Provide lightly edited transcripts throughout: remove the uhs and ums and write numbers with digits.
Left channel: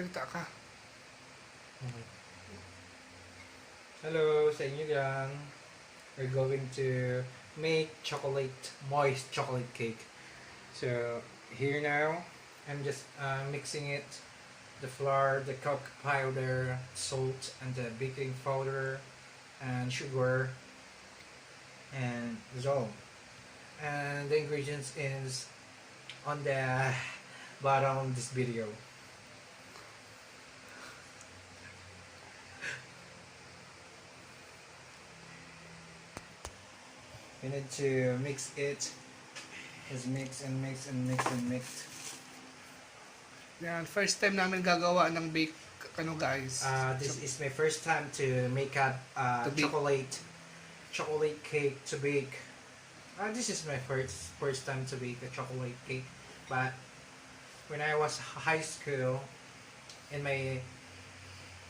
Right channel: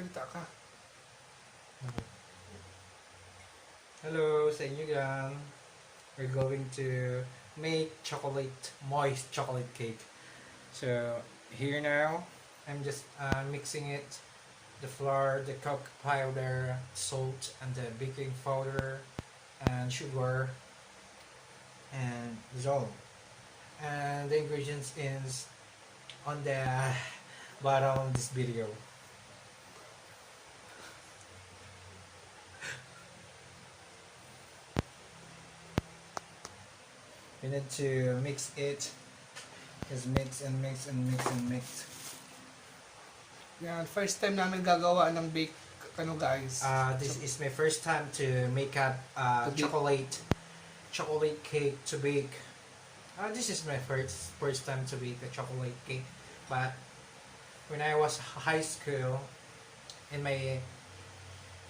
Magsalita ka. Hello sa inyo yan. We're going to make moist chocolate cake. So here now, I'm just mixing it. The flour, the cocoa powder, salt, and the baking powder, and sugar, and that's all. And the ingredients is on the bottom of this video. You need to mix it. Just mix and mix and mix and mix. Yan, first time namin gagawa ng bake, guys. This is my first time to make a To bake. chocolate cake to bake. This is my first time to bake a chocolate cake. But when I was high school, in my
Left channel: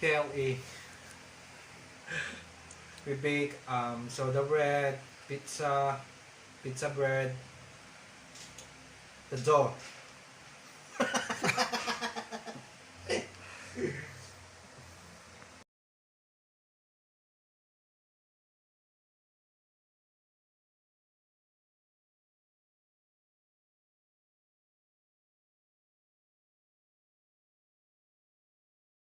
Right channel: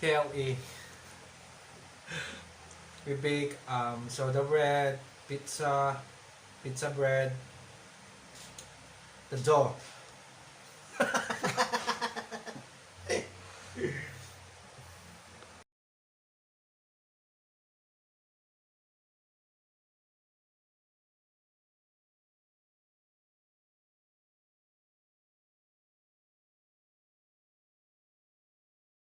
KLE, we bake soda bread, pizza bread, the dough.